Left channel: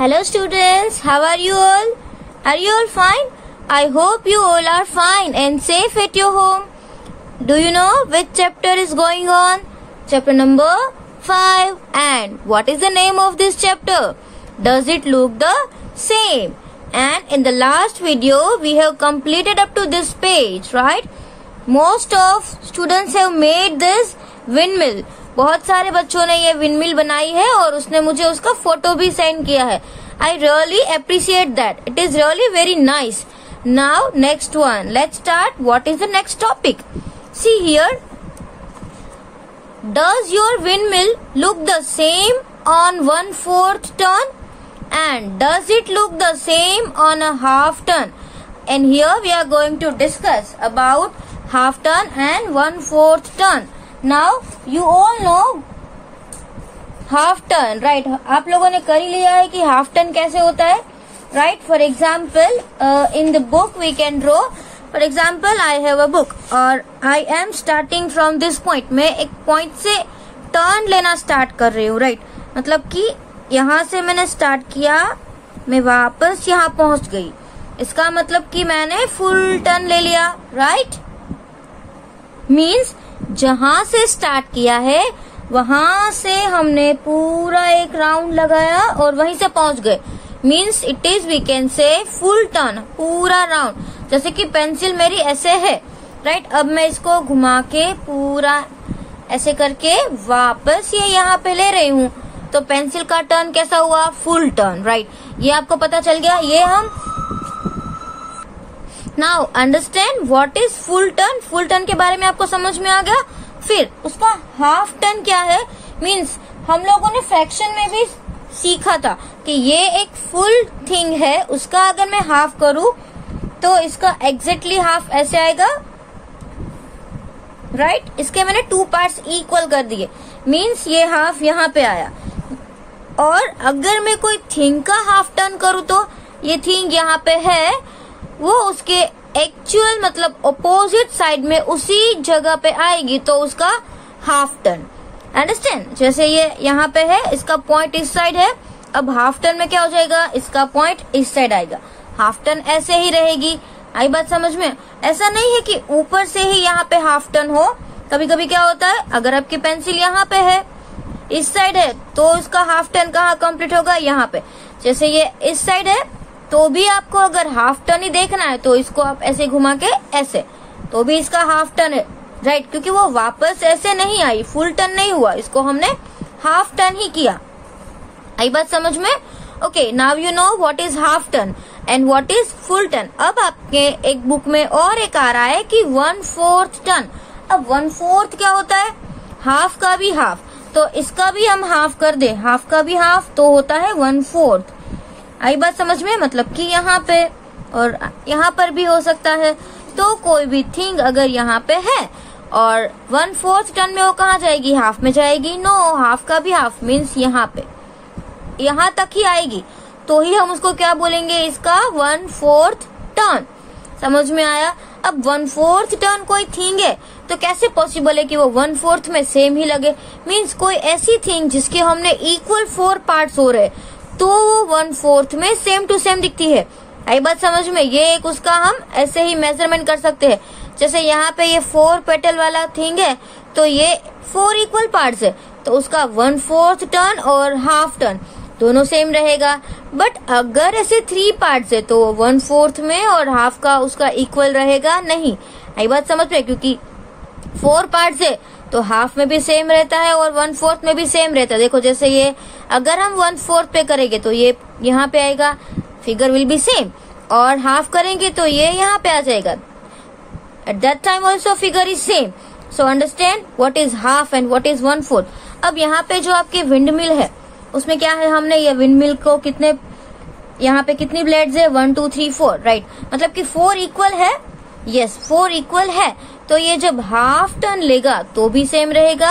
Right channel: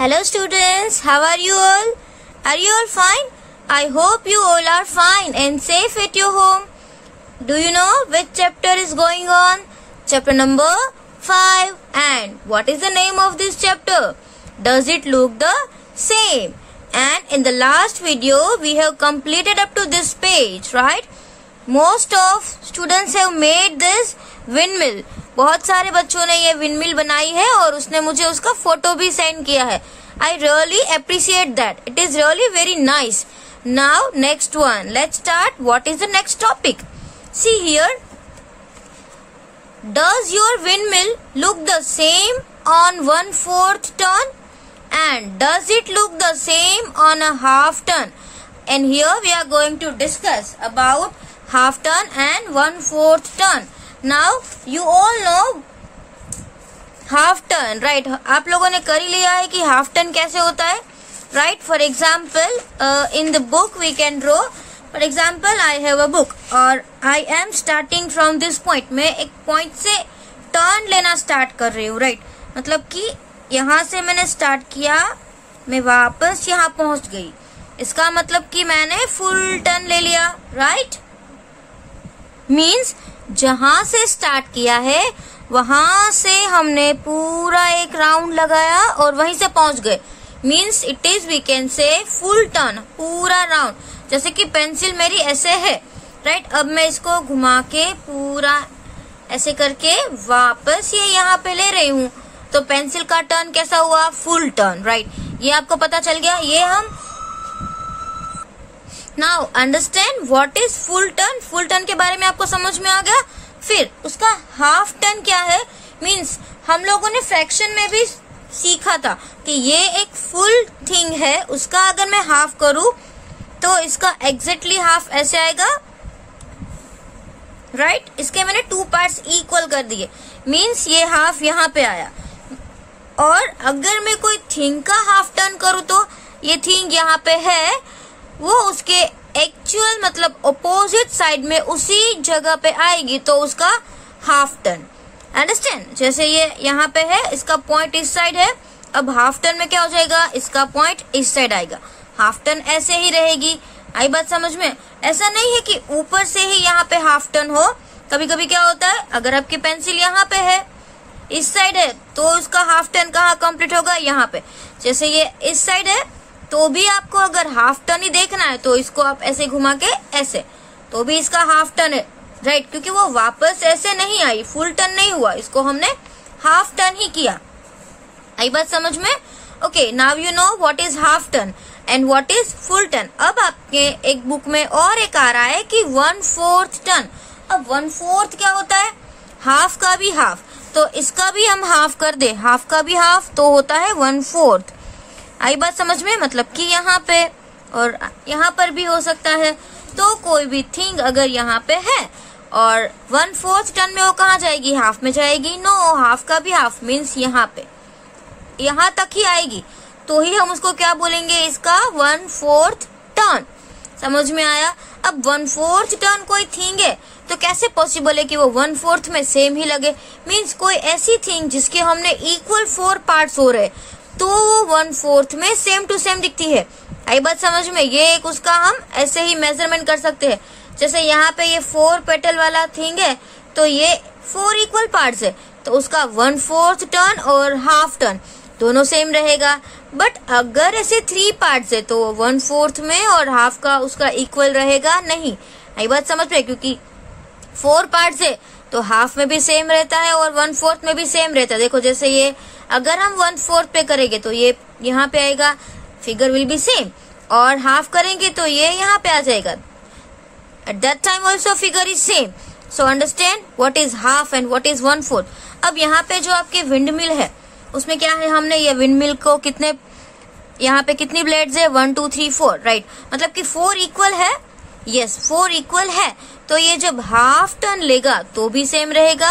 Hello students, how are you all? Are you all fine? I hope you all are fine and safe at your home. Do you know which chapter is going on? Chapter number 5. And what is the name of this chapter? Does it look the same? And in the last video, we have completed up to this page, right? Most of students have made this windmill. बहुत सारे बच्चों ने ये windmill बनाई है और उसने मुझे उसका फोटो भी सेंड किया है. I really appreciate that. It is really very nice. Now next one. Let's start. What is the next topic? See here. Does your windmill look the same on 1/4 turn? And does it look the same on a half turn? And here we are going to discuss about half turn and 1/4 turn. Now you all know half turn, right? आप लोगों ने कर ही लिया है कि half turn कैसे होता है, right? For example, in the book we can draw. For example, I have a book और I am starting from this point. मैं एक point से turn लेना start कर रही हूँ, right? मतलब कि यहाँ से मैंने start किया, मैं वापस यहाँ पहुँच गई. इसका मतलब कि मैंने full turn ले लिया, right? Means जहां से स्टार्ट किया है वहां से हमने पूरा एक राउंड लगाया और वहीं से पहुंच गए. Means it is we can say full turn, पूरा राउंड. जैसे कि पेंसिल मेरी ऐसे है, राइट? अब मैं इसको घुमा के पूरा ऐसे करके वापस ये यहाँ पे ले रही हूँ, तो पेंसिल का टर्न कैसा हुआ? Full turn, right? ये आपको पता चल गया. ये हम now understand what is full turn. Full turn के बारे में आपको समझ में आ गया. फिर उसका हाफ टर्न क्या है? मीन्स हम लोगों ने फ्रैक्शन में भी सीखा था कि ये एक फुल थिंग है, उसका अगर मैं हाफ करूं तो इसका एग्जैक्टली हाफ ऐसे आएगा, राइट? इसके मैंने 2 पार्ट्स इक्वल कर दिए. मीन्स ये हाफ यहाँ पे आया. और अगर मैं कोई थिंग का हाफ टर्न करूं तो ये थिंग यहाँ पे है, वो उसके एक्चुअल मतलब अपोजिट साइड में उसी जगह पे आएगी, तो उसका हाफ टर्न. अंडरस्टैंड? जैसे ये यहाँ पे है, इसका पॉइंट इस साइड है. अब हाफ टर्न में क्या हो जाएगा? इसका पॉइंट इस साइड आएगा. हाफ टर्न ऐसे ही रहेगी. आई बात समझ में? ऐसा नहीं है कि ऊपर से ही यहाँ पे हाफ टर्न हो. कभी कभी क्या होता है, अगर आपकी पेंसिल यहाँ पे है, इस साइड है, तो इसका हाफ टर्न कहाँ कंप्लीट होगा? यहाँ पे. जैसे ये इस साइड है, तो भी आपको अगर हाफ टर्न ही देखना है तो इसको आप ऐसे घुमा के ऐसे, तो भी इसका हाफ टर्न है, राइट? क्योंकि वो वापस ऐसे नहीं आई, फुल टर्न नहीं हुआ, इसको हमने हाफ टर्न ही किया. आई बात समझ में? Okay, now you know what is half turn and what is full turn. अब आपके एक बुक में और एक आ रहा है कि 1/4 टर्न. अब 1/4 क्या होता है? हाफ का भी हाफ. तो इसका भी हम हाफ कर दे, हाफ का भी हाफ, तो होता है 1/4. आई बात समझ में? मतलब कि यहाँ पे और यहाँ पर भी हो सकता है. तो कोई भी थिंग अगर यहाँ पे है और 1/4 टर्न में वो कहाँ जाएगी? हाफ में जाएगी. नो, हाफ का भी हाफ मीन्स यहाँ पे, यहाँ तक ही आएगी, तो ही हम उसको क्या बोलेंगे? इसका 1/4 टर्न. समझ में आया? अब 1/4 टर्न कोई थिंग है तो कैसे पॉसिबल है कि वो 1/4 में सेम ही लगे? मीन्स कोई ऐसी थिंग जिसके हमने इक्वल 4 पार्ट्स हो रहे, तो वो 1/4 में सेम टू सेम दिखती है. आई बात समझ में? ये एक उसका हम ऐसे ही मेजरमेंट कर सकते हैं. जैसे यहाँ पे ये 4 पेटल वाला थिंग है, तो ये 4 इक्वल पार्ट्स है, तो उसका 1/4 टर्न और हाफ टर्न दोनों सेम रहेगा. बट अगर ऐसे 3 पार्ट्स है तो 1/4 में और हाफ का उसका इक्वल रहेगा नहीं. आई बात समझ में? क्योंकि 4 पार्ट्स है तो हाफ में भी सेम रहता है और 1/4 में भी सेम रहता है. देखो जैसे ये अगर हम 1/4 पे करेंगे तो ये यहाँ पे आएगा, फिगर विल बी सेम. और हाफ करेंगे तो ये यहाँ पे आ जाएगा. At that time also figure is same. So understand what is half and what is 1/4. अब यहाँ पे जो आपकी विंडमिल है उसमें क्या है? हमने ये विंडमिल को कितने, यहाँ पे कितनी ब्लेड्स है? 1 2 3 4, राइट? मतलब कि 4 इक्वल है. यस, 4 इक्वल है. तो ये जब हाफ टर्न लेगा तो भी सेम रहेगा.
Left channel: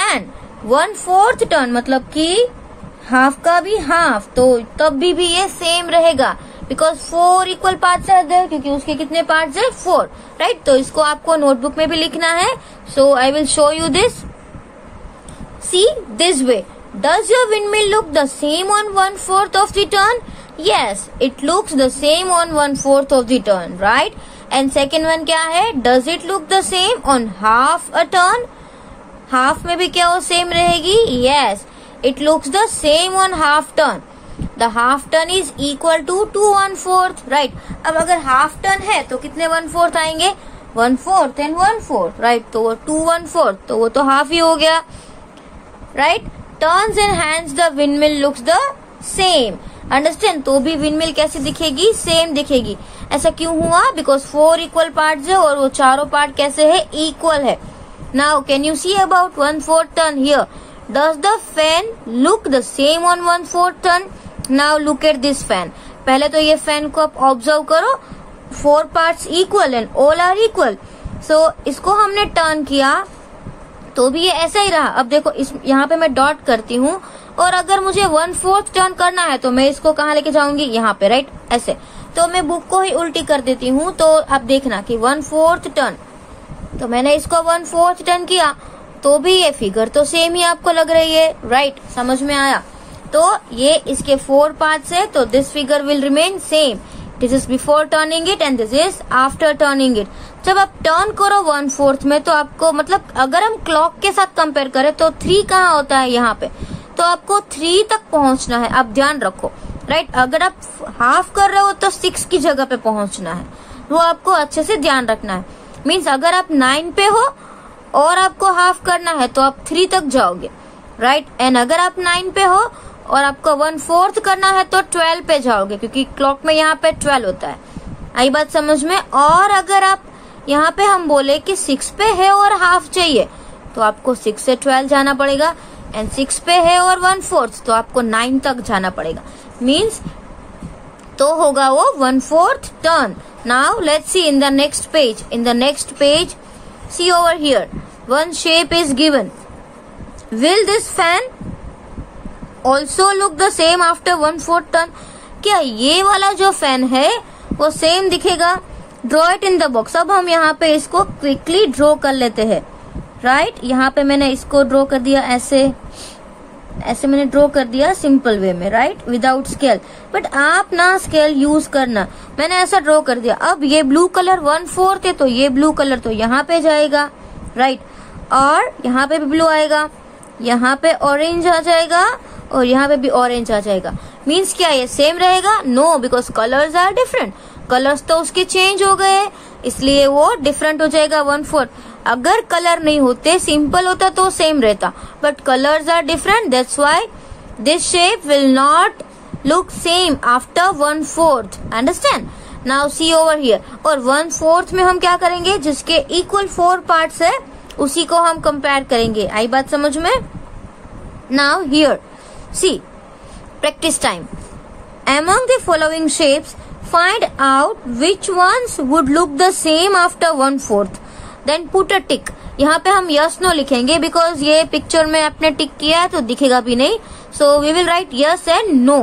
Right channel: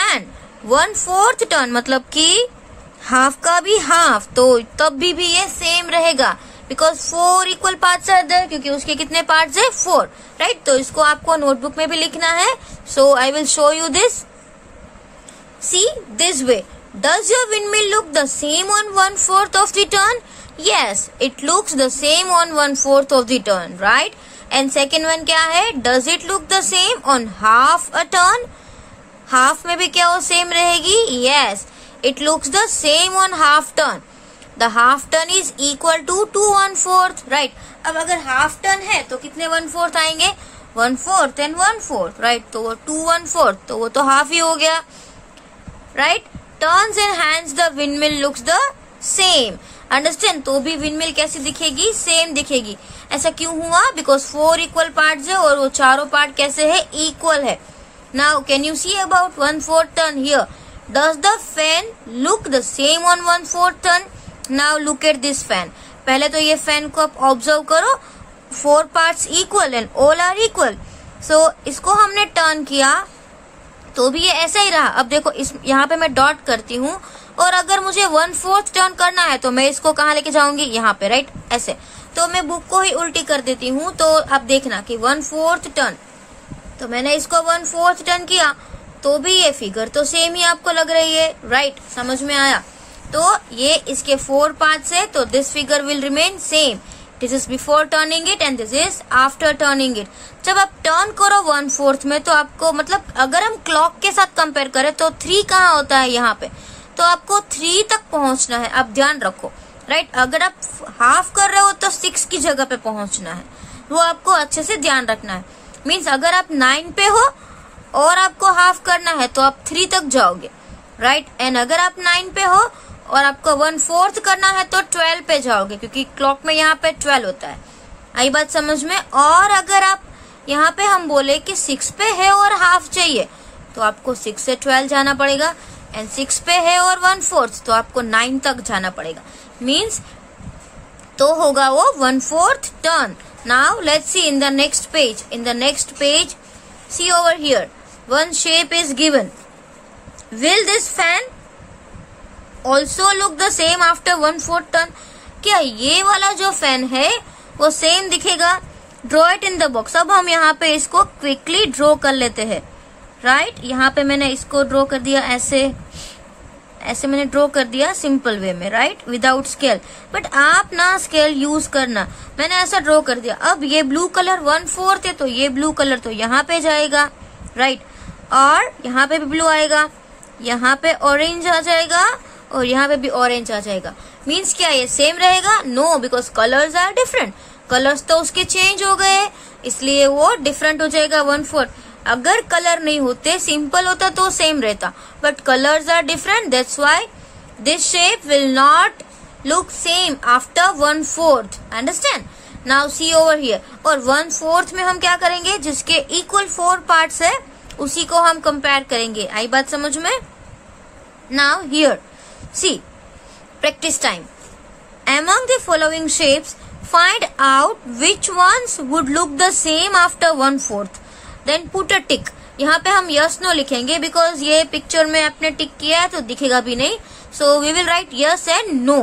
एंड 1/4 टर्न मतलब कि हाफ का भी हाफ, तो तब भी ये सेम रहेगा. Because 4 equal parts are there, क्योंकि उसके कितने पार्ट्स है? 4, राइट? तो इसको आपको नोटबुक में भी लिखना है. So I will show you this. See this way. Does your windmill look the same on 1/4 of the turn? Yes, it looks the same on 1/4 of the turn, right? And second one क्या है? Does it look the same on half a turn? Half में भी क्या वो same रहेगी? Yes, it looks the same on half turn. The half turn is equal to 2 1/4, right? अब अगर half turn है तो कितने 1/4 आएंगे? 1/4 and 1/4, right? तो वो 2 1/4, तो वो तो हाफ ही हो गया, right? Turns and hands the windmill looks the same. Understand? तो भी विंडमिल कैसी दिखेगी? सेम दिखेगी. ऐसा क्यों हुआ? बिकॉज 4 इक्वल पार्ट्स है और वो चारों पार्ट कैसे है? इक्वल है. Now can you see about 1/4 turn here? Does the fan look the same on 1/4 turn? Now look at this fan. पहले तो ये फैन को आप ऑब्जर्व करो. 4 parts equal and all are equal. So इसको हमने टर्न किया तो भी ये ऐसा ही रहा. अब देखो इस यहाँ पे मैं डॉट करती हूँ और अगर मुझे 1/4 टर्न करना है तो मैं इसको कहाँ लेके जाऊंगी? यहाँ पे, राइट? ऐसे. तो मैं बुक को ही उल्टी कर देती हूँ. तो अब देखना कि 1/4 टर्न, तो मैंने इसको 1/4 टर्न किया तो भी ये फिगर तो सेम ही आपको लग रही है, राइट? समझ में आया? तो ये इसके 4 पार्ट्स है तो this figure will remain same. This is before turning it and this is after turning it. जब आप टर्न करो 1/4 में तो आपको मतलब अगर हम क्लॉक के साथ कंपेयर करें तो 3 कहाँ होता है? यहाँ पे. तो आपको 3 तक पहुंचना है. आप ध्यान रखो, राइट? अगर आप हाफ कर रहे हो तो 6 की जगह पे पहुंचना है. वो आपको अच्छे से ध्यान रखना है. मीन्स अगर आप 9 पे हो और आपको हाफ करना है तो आप 3 तक जाओगे, राइट? एंड अगर आप 9 पे हो और आपको 1/4 करना है तो 12 पे जाओगे क्योंकि क्लॉक में यहाँ पे 12 होता है. आई बात समझ में? और अगर आप यहाँ पे हम बोले कि 6 पे है और हाफ चाहिए तो आपको 6 से 12 जाना पड़ेगा. एंड 6 पे है और 1/4 तो आपको 9 तक जाना पड़ेगा. मीन्स तो होगा वो 1/4 turn. Now let's see in the next page. In the next page see over here one shape is given. Will this fan also look the same after 1/4 turn? क्या ये वाला जो फैन है वो सेम दिखेगा? Draw it in the box. अब हम यहाँ पे इसको क्विकली ड्रॉ कर लेते हैं, राइट? यहाँ पे मैंने इसको ड्रॉ कर दिया ऐसे मैंने ड्रॉ कर दिया सिंपल वे में, राइट? Without scale. बट आप ना स्केल यूज करना. मैंने ऐसा ड्रॉ कर दिया. अब ये ब्लू कलर 1/4 है तो ये ब्लू कलर तो यहाँ पे जाएगा, राइट? और यहाँ पे भी ब्लू आएगा, यहाँ पे ऑरेंज आ जाएगा और यहाँ पे भी ऑरेंज आ जाएगा. मीन्स क्या ये सेम रहेगा? No, because colours are different. Colours तो उसके चेंज हो गए इसलिए वो डिफरेंट हो जाएगा 1/4. अगर कलर नहीं होते, सिंपल होता तो सेम रहता. But colours are different, that's why this shape will not look same after 1/4. Understand? Now see over here. और 1/4 में हम क्या करेंगे? जिसके इक्वल 4 पार्ट्स है उसी को हम कंपेयर करेंगे. आई बात समझ में? Now here see practice time. Among the following shapes, find out which ones would look the same after 1/4. Then put a tick. यहाँ पे हम yes no लिखेंगे because ये पिक्चर में आपने टिक किया है तो दिखेगा भी नहीं. So we will write yes and no.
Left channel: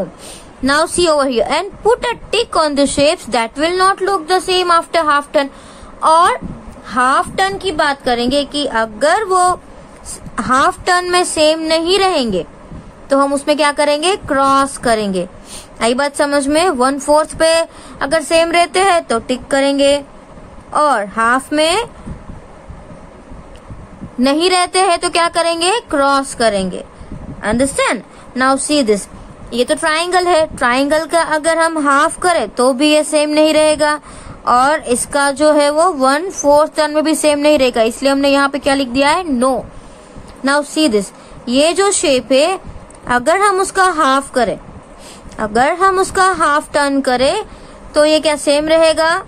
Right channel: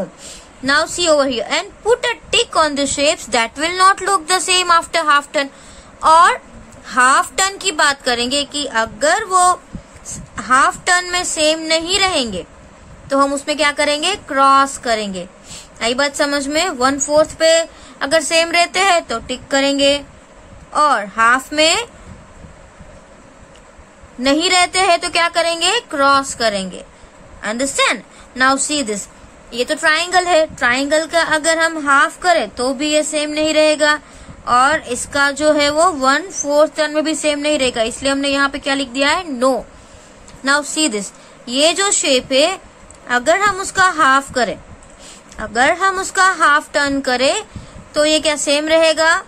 Now see over here and put a tick on the shapes that will not look the same after half turn. और हाफ टर्न की बात करेंगे कि अगर वो हाफ टर्न में same नहीं रहेंगे तो हम उसमें क्या करेंगे? क्रॉस करेंगे. आई बात समझ में? 1/4 पे अगर सेम रहते हैं तो टिक करेंगे और हाफ में नहीं रहते हैं तो क्या करेंगे? क्रॉस करेंगे. अंडरस्टैंड? Now see this. ये तो ट्राइंगल है. ट्राइंगल का अगर हम हाफ करें तो भी ये सेम नहीं रहेगा और इसका जो है वो 1/4 टर्न में भी सेम नहीं रहेगा. इसलिए हमने यहाँ पे क्या लिख दिया है? नो. Now see this. ये जो शेप है अगर हम उसका हाफ करें, अगर हम उसका हाफ टर्न करें तो ये क्या सेम रहेगा?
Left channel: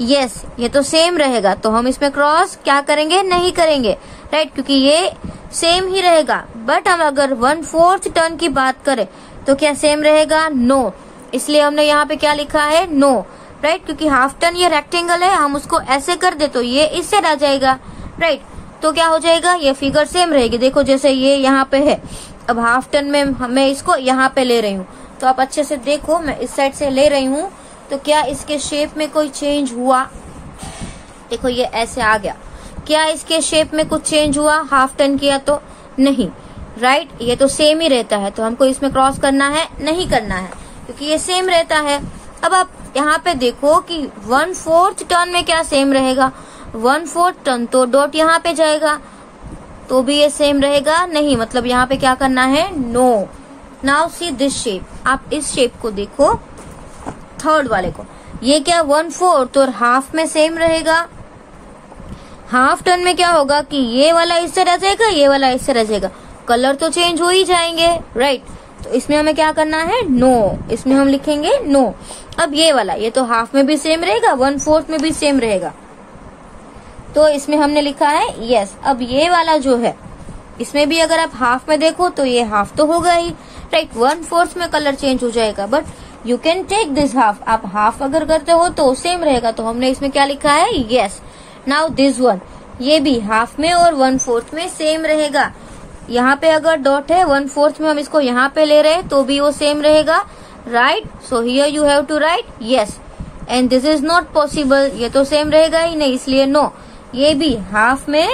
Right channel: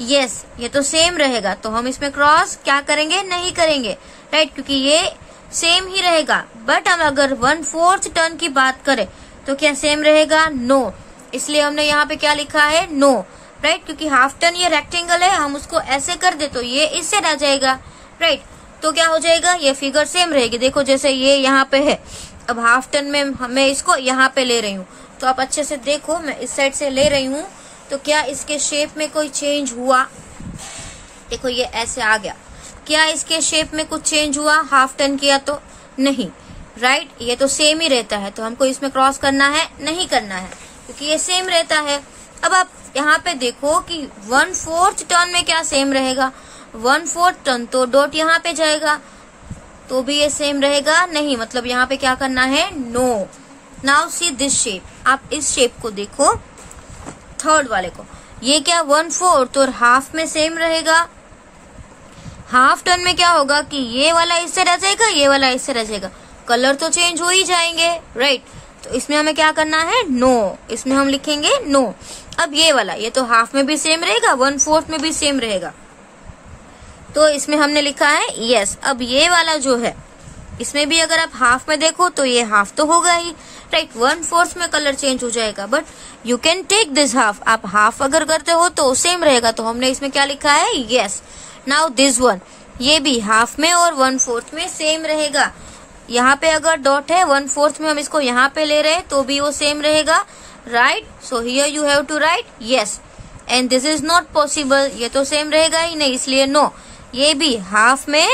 यस, ये तो सेम रहेगा. तो हम इसमें क्रॉस क्या करेंगे? नहीं करेंगे, राइट? क्योंकि ये सेम ही रहेगा. बट हम अगर 1/4 टर्न की बात करें तो क्या सेम रहेगा? नो. इसलिए हमने यहाँ पे क्या लिखा है? No, right? क्योंकि हाफ टर्न ये रेक्टेंगल है, हम उसको ऐसे कर दे तो ये इससे रह जाएगा, राइट? तो क्या हो जाएगा? ये फिगर सेम रहेगी. देखो जैसे ये यहाँ पे है, अब हाफ टर्न में मैं इसको यहाँ पे ले रही हूँ तो आप अच्छे से देखो. मैं इस साइड से ले रही हूँ तो क्या इसके शेप में कोई चेंज हुआ? देखो ये ऐसे आ गया. क्या इसके शेप में कुछ चेंज हुआ? हाफ टर्न किया तो नहीं. राइट, ये तो सेम ही रहता है, तो हमको इसमें क्रॉस करना है नहीं करना है क्योंकि ये सेम रहता है। अब आप यहाँ पे देखो कि 1/4 टर्न में क्या सेम रहेगा, 1/4 टर्न तो डॉट यहाँ पे जाएगा तो भी ये सेम रहेगा नहीं, मतलब यहाँ पे क्या करना है, no. Now see this shape, आप इस शेप को देखो, थर्ड वाले को, ये क्या 1/4 और हाफ में सेम रहेगा। हाफ टर्न में क्या होगा कि ये वाला इससे रह जाएगा, ये वाला इससे रह जाएगा, कलर तो चेंज हो ही जाएंगे, राइट। तो इसमें हमें क्या करना है, नो, इसमें हम लिखेंगे नो। अब ये वाला, ये तो हाफ में भी सेम रहेगा, 1/4 में भी सेम रहेगा, तो इसमें हमने लिखा है यस। अब ये वाला जो है, इसमें भी अगर आप हाफ में देखो तो ये हाफ तो होगा ही, राइट, 1/4 में कलर चेंज हो जाएगा, but you can take this half, आप हाफ अगर करते हो तो सेम रहेगा, तो हमने इसमें क्या लिखा है, यस। नाउ दिस वन, ये भी हाफ में और 1/4 में सेम रहेगा। यहाँ पे अगर डॉट है 1/4 में हम इसको यहाँ पे ले रहे हैं तो भी वो सेम रहेगा, right. So here you have to write yes, and this is not possible, ये तो सेम रहेगा ही नहीं, इसलिए नो। ये भी हाफ में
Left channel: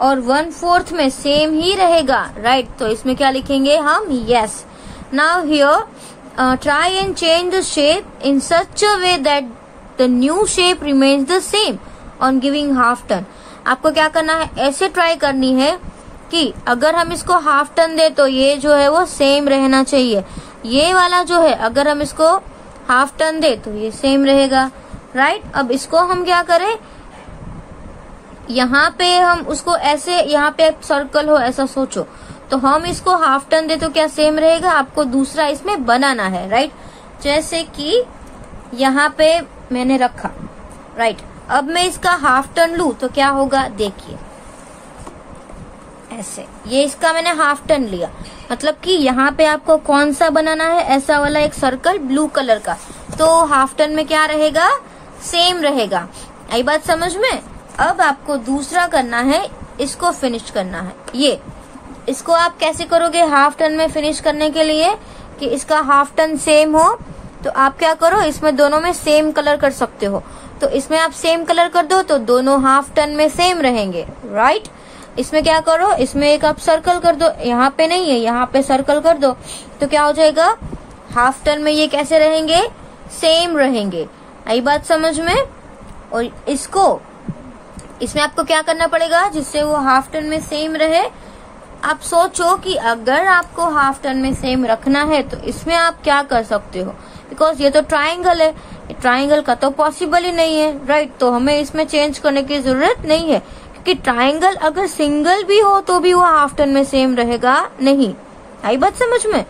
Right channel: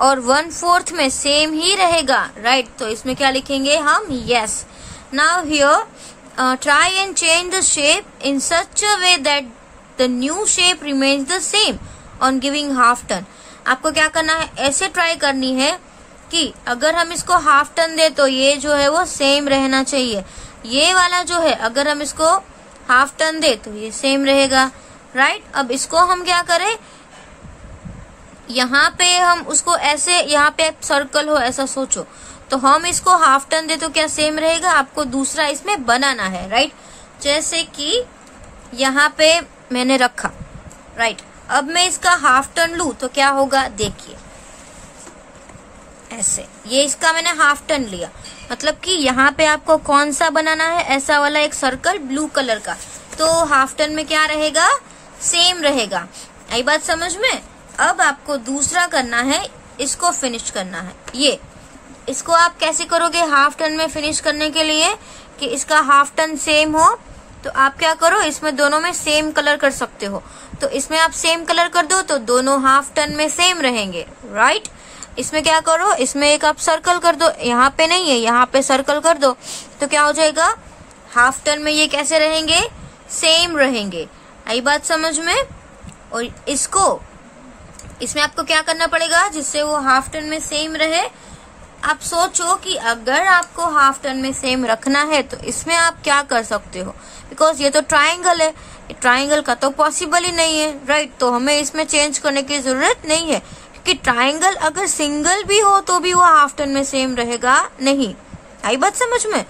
और 1/4 में सेम ही रहेगा, राइट, तो इसमें क्या लिखेंगे हम, yes. Now here try and change the shape in such a way that the new shape remains the same on giving half turn. आपको क्या करना है, ऐसे ट्राई करनी है कि अगर हम इसको हाफ टर्न दे तो ये जो है वो सेम रहना चाहिए, ये वाला जो है अगर हम इसको हाफ टर्न दे तो ये सेम रहेगा, राइट। अब इसको हम क्या करें, यहाँ पे हम उसको ऐसे, यहाँ पे सर्कल हो ऐसा सोचो, तो हम इसको हाफ टर्न दे तो क्या सेम रहेगा, आपको दूसरा इसमें बनाना है, राइट। जैसे कि यहाँ पे मैंने रखा, राइट, अब मैं इसका हाफ टर्न लूं तो क्या होगा, देखिए ऐसे, ये इसका मैंने हाफ टर्न लिया, मतलब कि यहाँ पे आपको कौन सा बनाना है, ऐसा वाला एक सर्कल ब्लू कलर का, तो हाफ टर्न में क्या रहेगा, सेम रहेगा। आई बात समझ में। अब आपको दूसरा करना है, इसको फिनिश करना है। ये इसको आप कैसे करोगे हाफ टर्न में फिनिश करने के लिए, कि इसका हाफ टर्न सेम हो, तो आप क्या करो, इसमें दोनों में सेम कलर कर सकते हो, तो इसमें आप सेम कलर कर दो तो दोनों हाफ टर्न में सेम रहेंगे, राइट। इसमें क्या करो, इसमें एक आप सर्कल कर दो, यहाँ पे नहीं है, यहाँ पे सर्कल कर दो, तो क्या हो जाएगा, हाफ टर्न में ये कैसे रहेंगे, सेम रहेंगे। आई बात समझ में। और इसको, इसमें आपको क्या करना पड़ेगा जिससे वो हाफ टर्न में सेम रहे। आप सोचो कि अगर आपको हाफ टर्न में सेम रखना है तो इसमें आप क्या कर सकते हो, बिकॉज ये तो ट्राइंगल है, ट्राइंगल का तो पॉसिबल ही नहीं है, राइट। तो हमें इसमें चेंज करने की जरूरत नहीं है, कि ट्राइंगल अगर सिंगल भी हो तो भी वो हाफ टर्न में सेम रहेगा नहीं। आई बात समझ में।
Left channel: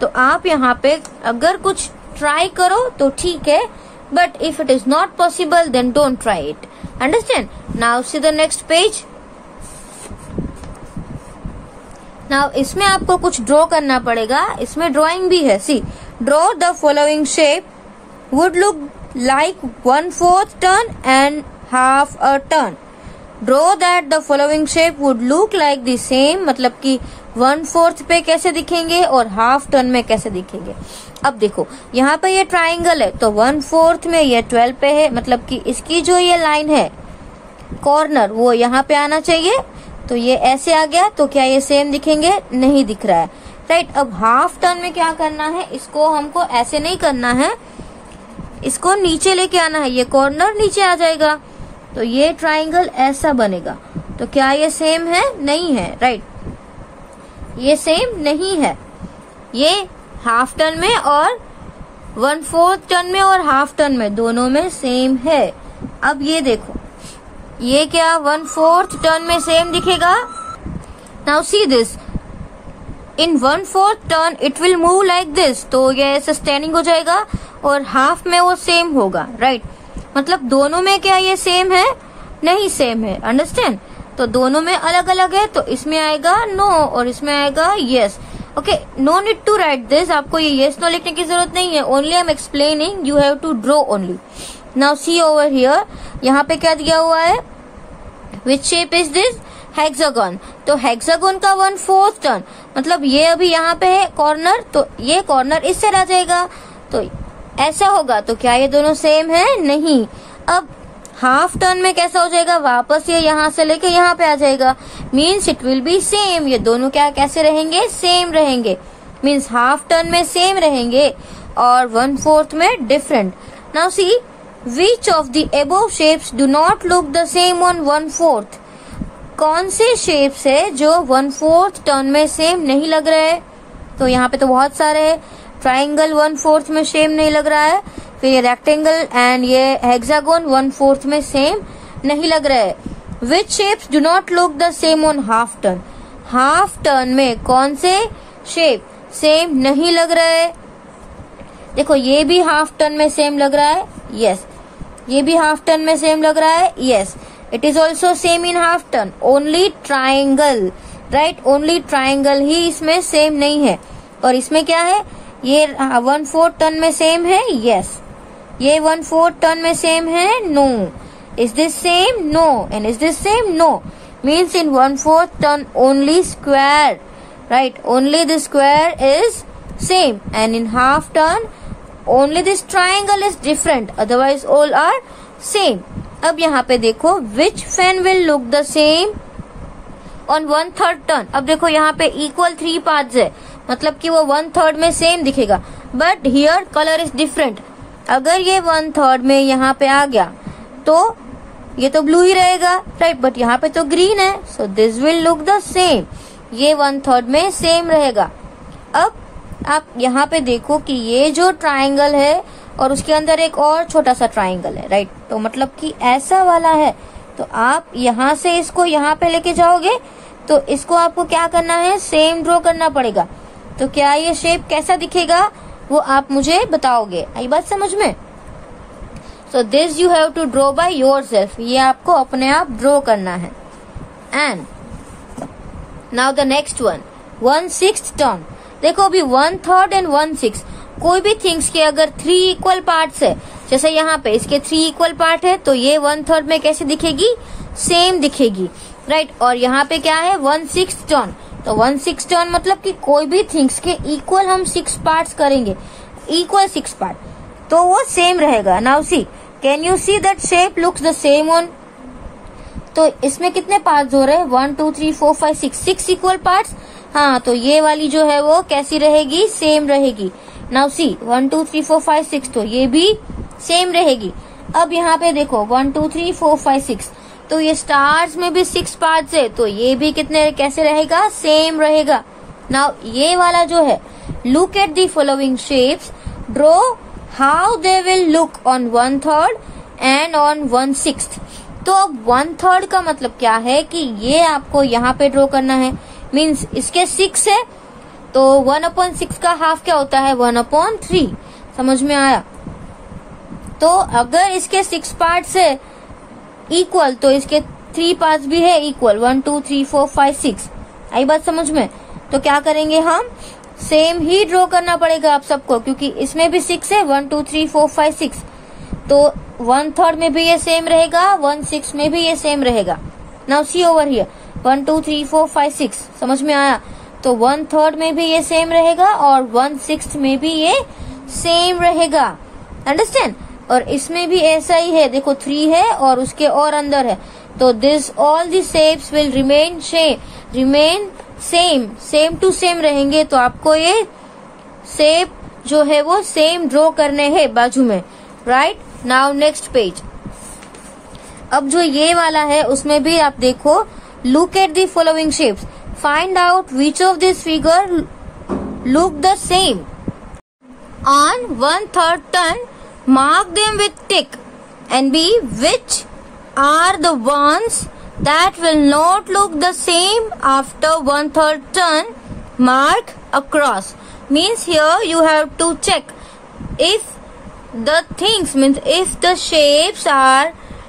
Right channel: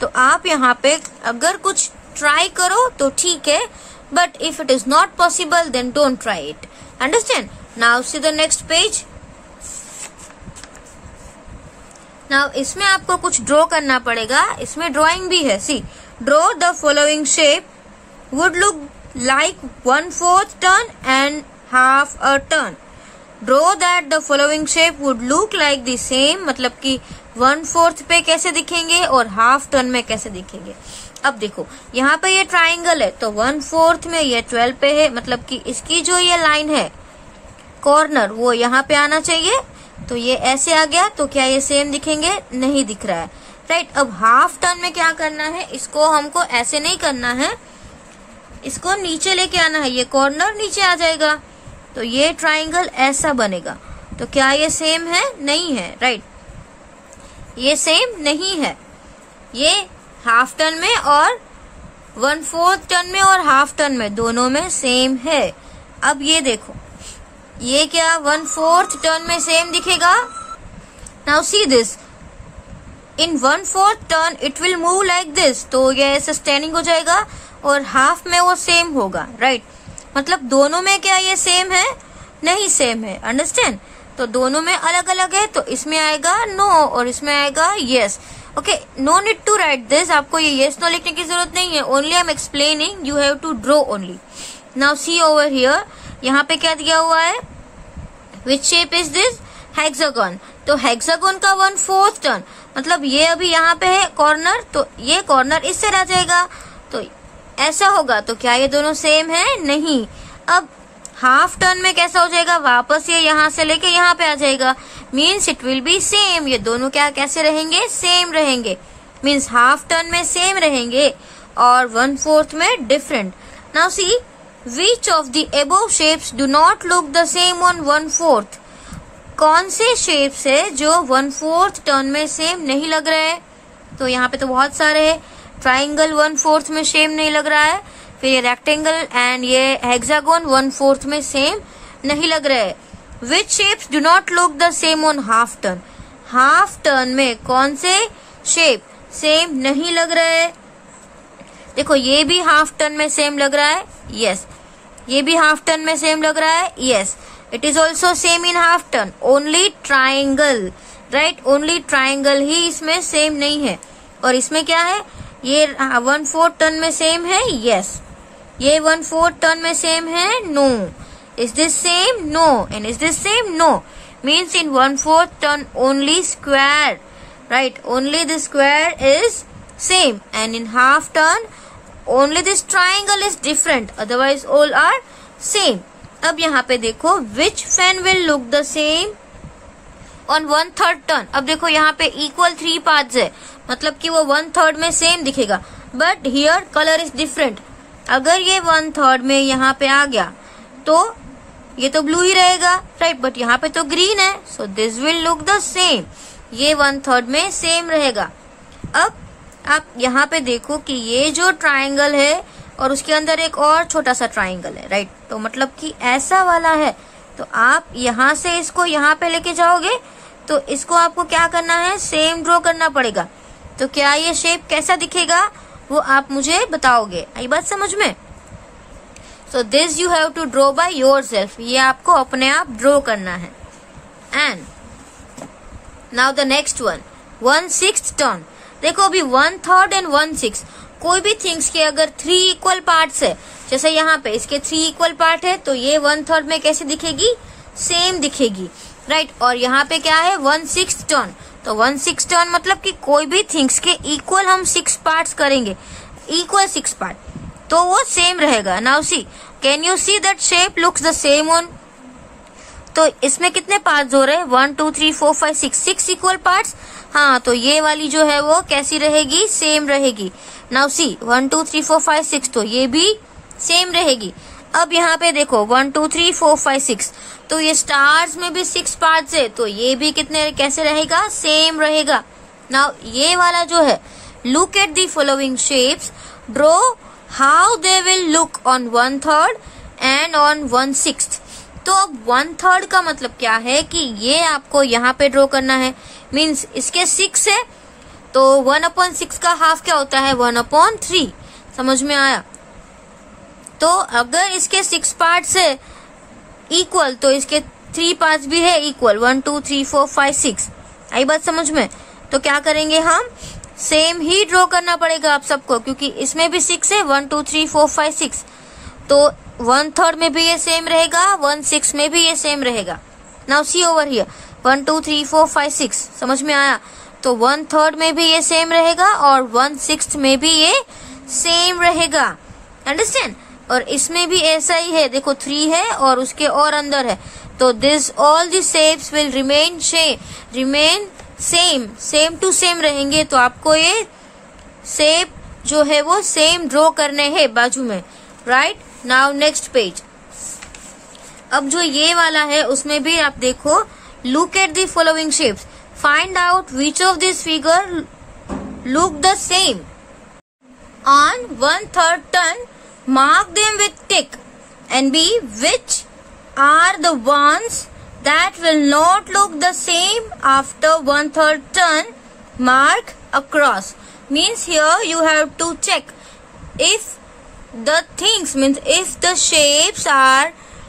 तो आप यहाँ पे अगर कुछ ट्राई करो तो ठीक है, but if it is not possible then don't try it, understand. Now see the next page. नाउ इसमें आपको कुछ ड्रॉ करना पड़ेगा, इसमें ड्राइंग भी है। See, draw the following shape would look like 1/4 turn and half a turn. Draw that the following shape would look like the same, मतलब कि 1/4 पे कैसे दिखेंगे और हाफ टर्न में कैसे दिखेंगे। अब देखो यहाँ पे ये ट्राइंगल है, तो 1/4 में ये 12 पे है, मतलब कि इसकी जो ये लाइन है कॉर्नर वो यहाँ पे आना चाहिए, तो ये ऐसे आ गया, तो क्या ये सेम दिखेंगे, नहीं दिख रहा है, राइट। अब हाफ टर्न में क्या करना है, इसको हमको ऐसे नहीं करना है, इसको नीचे लेके आना है, ये कॉर्नर नीचे आ जाएगा, तो ये ट्राइंगल ऐसा बनेगा। तो क्या ये सेम है, नहीं है, राइट, ये सेम नहीं है। ये हाफ टर्न में और 1/4 टर्न में और हाफ टर्न में दोनों में सेम है। अब ये देखो, ये क्या 1/4 टर्न में सेम दिखेगा। Now see this, in 1/4 turn it will move like this, तो ये ऐसे स्टैंडिंग हो जाएगा, और हाफ में वो सेम होगा, राइट। मतलब दोनों में क्या ये सेम है, नहीं सेम है, अंडरस्टैंड। तो दोनों में अलग अलग है, तो इसमें आएगा नो और इसमें आएगा yes. Okay, no need to write this, आपको ये यस नो लिखने की जरूरत नहीं है, only I am explaining, you have to draw only. Now see over here, यहाँ पे क्या दिया हुआ है, which shape is this, hexagon. तो हेक्सागन का 1/4 टर्न, मतलब ये अभी यहाँ पे है कॉर्नर, तो ये कॉर्नर इससे रह जाएगा, तो ऐसा होगा, तो क्या ये दोनों सेम है, नहीं। अब हाफ टर्न में कैसा हो जाएगा, वापस ये यहाँ से लेके यहाँ पे आ जाएगा, means it will be same. ये दोनों क्या कैसे रहेंगे, सेम रहेंगे, मीन्स हाफ टर्न में सेम रहेंगे और 1/4 में different. Now see which of the above shapes do not look the same on 1/4। कौन से शेप्स है जो 1/4 टर्न में सेम नहीं लग रहे हैं? तो यहाँ पे तो बहुत सारे है। ट्राइंगल 1/4 में सेम नहीं लग रहा है, फिर ये रेक्टेंगल एंड ये हेक्सागोन 1/4 में सेम नहीं लग रहा है। Which shapes do not look the same on half turn. Half turn में कौन से शेप सेम नहीं लग रहे हैं? देखो ये भी हाफ टर्न में सेम लग रहा है, यस। ये भी हाफ टर्न में सेम लग रहा है, yes. It is also same in half turn, only triangle, right, only triangle ही इसमें सेम नहीं है। और इसमें क्या है, ये 1/4 टर्न में सेम है, यस। ये 1/4 टर्न में सेम है, no. Is this same, no. And is this same, no. Means in 1/4 turn only square, right, only the square is same, and in half turn only this triangle is different, otherwise all are same. अब यहाँ पे देखो which fan will look the same on 1/3 turn। अब देखो यहाँ पे equal 3 parts है, मतलब कि वो 1/3 में सेम दिखेगा, but here color is different। अगर ये 1/3 में यहाँ पे आ गया तो ये तो ब्लू ही रहेगा, राइट, बट यहाँ पे तो ग्रीन है, so this will look the same। ये 1/3 में सेम रहेगा। अब आप यहाँ पे देखो कि ये जो ट्राइंगल है और उसके अंदर एक और छोटा सा ट्राइंगल है, राइट, तो मतलब कि ऐसा वाला है। तो आप यहाँ से इसको यहाँ पे लेके जाओगे तो इसको आपको क्या करना है, सेम ड्रॉ करना पड़ेगा। तो क्या ये शेप कैसा दिखेगा वो आप मुझे बताओगे, आई बात समझ में? So this you have to draw by yourself, ये आपको अपने आप ड्रॉ करना है। And now the next one, 1/6 turn. देखो अभी 1/3 एंड 1/6, कोई भी थिंग्स के अगर 3 इक्वल पार्ट्स है, जैसे यहाँ पे इसके 3 इक्वल पार्ट है, तो ये 1/3 में कैसे दिखेगी, सेम दिखेगी, राइट। और यहाँ पे क्या है, 1/6 टर्न। तो 1/6 टर्न मतलब कि कोई भी थिंग्स के इक्वल हम 6 पार्ट्स करेंगे, इक्वल 6 पार्ट, तो वो सेम रहेगा। Now see, can you see that shape looks the same on. तो इसमें कितने पार्ट्स हो रहे हैं, 1 2 3 4 5 6 इक्वल पार्ट्स। हाँ, तो ये वाली जो है वो कैसी रहेगी, सेम रहेगी। नाउ सी 1 2 3 4 5 6, तो ये भी सेम रहेगी। अब यहाँ पे देखो 1 2 3 4 5 6, तो ये स्टार्स में भी 6 पार्ट्स है, तो ये भी कितने कैसे रहेगा, सेम रहेगा। नाउ ये वाला जो है, look at the following shapes, draw how they will look on 1/3 and on 1/6। तो अब 1/3 का मतलब क्या है कि ये आपको यहाँ पे ड्रॉ करना है, मीन्स इसके 6 है, तो 1/6 का हाफ क्या होता है, 1/3। समझ में आया? तो अगर इसके 6 पार्ट्स है इक्वल, तो इसके 3 पार्ट्स भी है इक्वल, 1 2 3 4 5 6। आई बात समझ में? तो क्या करेंगे हम, सेम ही ड्रॉ करना पड़ेगा आप सबको, क्योंकि इसमें भी 6 है, 1 2 3 4 5 6, तो 1/3 में भी ये सेम रहेगा, 1/6 में भी ये सेम रहेगा। नाउ सी ओवर हियर, 1 2 3 4 5 6, समझ में आया? तो 1/3 में भी ये सेम रहेगा और 1/6 में भी ये सेम रहेगा, अंडरस्टैंड? और इसमें भी ऐसा ही है, देखो 3 है और उसके और अंदर है, तो this all the shapes will remain same to same रहेंगे। तो आपको ये शेप जो है वो सेम ड्रॉ करने हैं बाजू में, राइट। नाउ नेक्स्ट पेज, अब जो ये वाला है उसमें भी आप देखो, look at the following shapes, find out which of this figure look the same on 1/3 turn, mark them with tick and be which are the ones that will not look the same after 1/3 turn, mark across. Means here you have to check if the things, means if the shapes are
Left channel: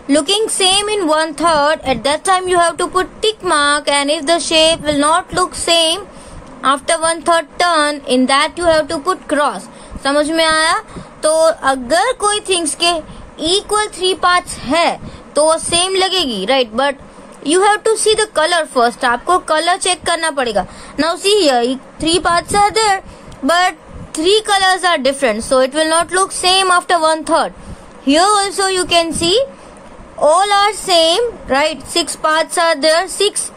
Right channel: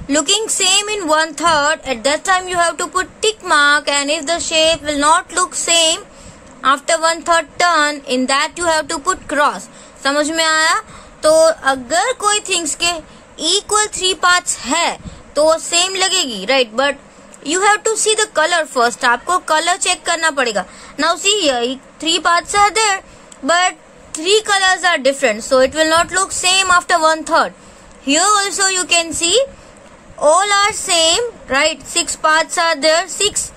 looking same in 1/3, at that time you have to put tick mark, and if the shape will not look same after 1/3 turn, in that you have to put cross. समझ में आया? तो अगर कोई things के equal 3 parts है तो वो सेम लगेगी, right, but you have to see the colour first, आपको कलर चेक करना पड़ेगा। Now see here 3 parts are there but 3 colors are different, so it will not look same after 1/3. Here also you can see all are same, right? 6 parts are there, 6,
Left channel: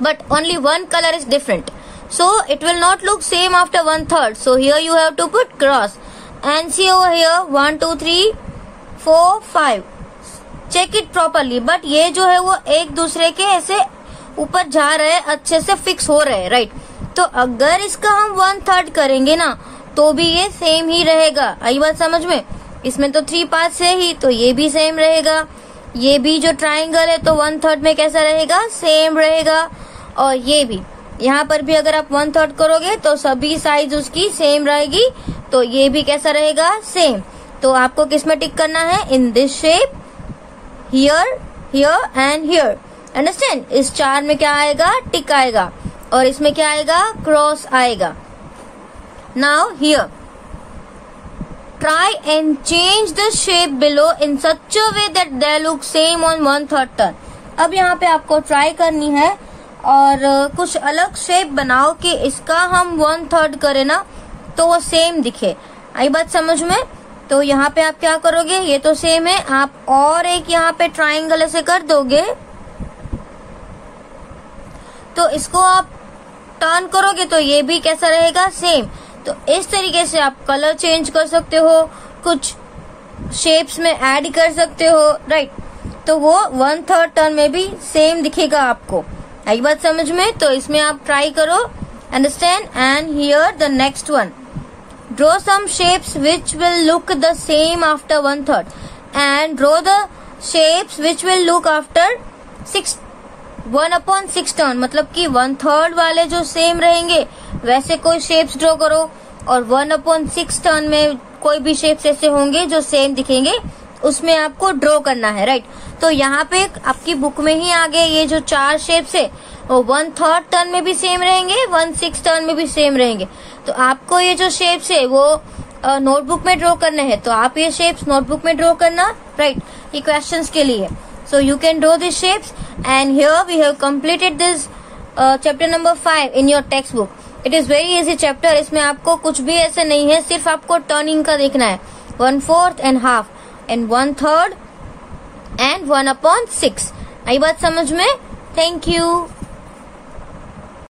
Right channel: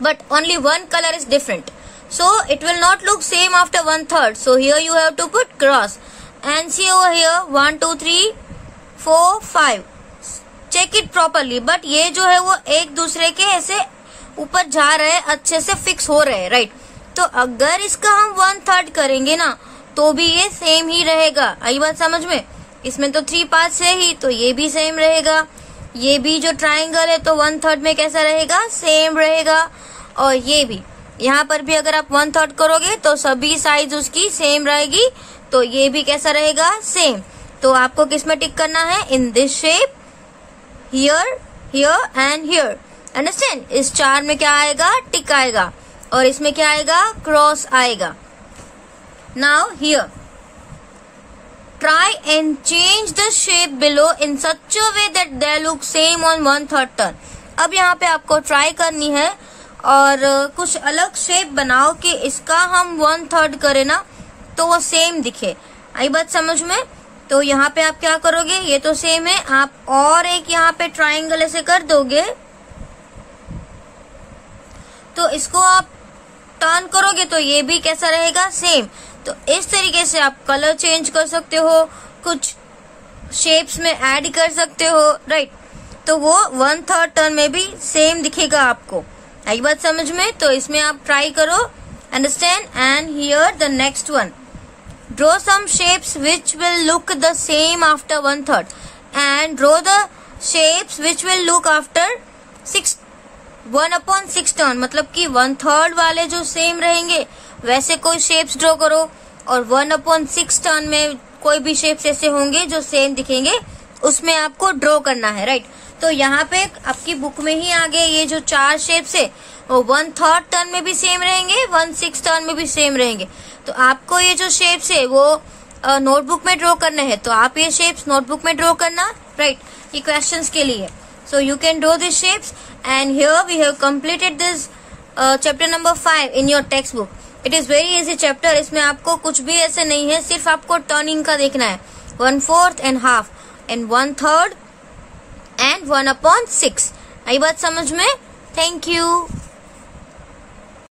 but only one color is different. So it will not look same after 1/3. So here you have to put cross and see over here 1 2 3 4 5. Check it properly. But ये जो है वो एक दूसरे के ऐसे ऊपर जा रहे हैं, अच्छे से फिक्स हो रहे हैं, राइट? तो अगर इसका हम 1/3 करेंगे ना तो भी ये सेम ही रहेगा। आई बात समझ में? इसमें तो 3 पार्ट्स है ही, तो ये भी सेम रहेगा। ये भी जो ट्राइंगल है तो 1/3 में कैसा रहेगा? सेम रहेगा। और ये भी, यहाँ पर भी अगर आप 1/3 करोगे तो सभी साइज उसकी सेम रहेगी, तो ये भी कैसा रहेगा? सेम। तो आपको किसमें टिक करना है? In this shape, here, here and here. Understand? इस 4 में क्या आएगा? टिक आएगा। और इसमें क्या आएगा? क्रॉस आएगा। Now here try and change the shape below in such a way that they look same on 1/3 turn. अब यहाँ पे आपको ट्राई करनी है और कुछ अलग शेप बनाओ कि इसका हम 1/3 करें ना तो वो सेम दिखे। आई बात समझ में? तो यहाँ पे आप क्या करोगे? ये तो सेम है, आप और एक यहाँ पे ट्राइंगल ऐसे कर दोगे तो इसको आप टर्न करोगे तो ये भी कैसा रहेगा? सेम। तो इस तरीके से आप कलर चेंज कर सकते हो, कुछ शेप्स में ऐड कर सकते हो, राइट? तो वो 1/3 टर्न में भी सेम दिखेगा आपको। आई बात समझ में? तो इसमें आप ट्राई करो। Understand? And here the next one, draw some shapes which will look the same after 1/3 and draw the shapes which will look after 1/6 turn. मतलब कि 1/3 वाले जो सेम रहेंगे वैसे कोई शेप्स ड्रॉ करो, और 1/6 टर्न में कोई भी शेप्स ऐसे होंगे जो सेम दिखेंगे, उसमें आपको ड्रॉ करना है, राइट? तो यहाँ पे आपकी बुक में ही आगे ये जो 4 शेप्स है वो 1/3 टर्न में भी सेम रहेंगे, 1/6 टर्न में भी सेम रहेंगे। तो आपको ये जो शेप्स है वो नोटबुक में ड्रॉ करने हैं, तो आप ये शेप्स नोटबुक में ड्रॉ करना, राइट? ये क्वेश्चंस के लिए। So you can draw these shapes, and here we have completed this chapter number 5 in your textbook. It is very easy chapter. इसमें आपको कुछ भी ऐसे नहीं है, सिर्फ आपको टर्निंग का देखना है। 1/4 and half and 1/3 and 1/6। आई बात समझ में? Thank you.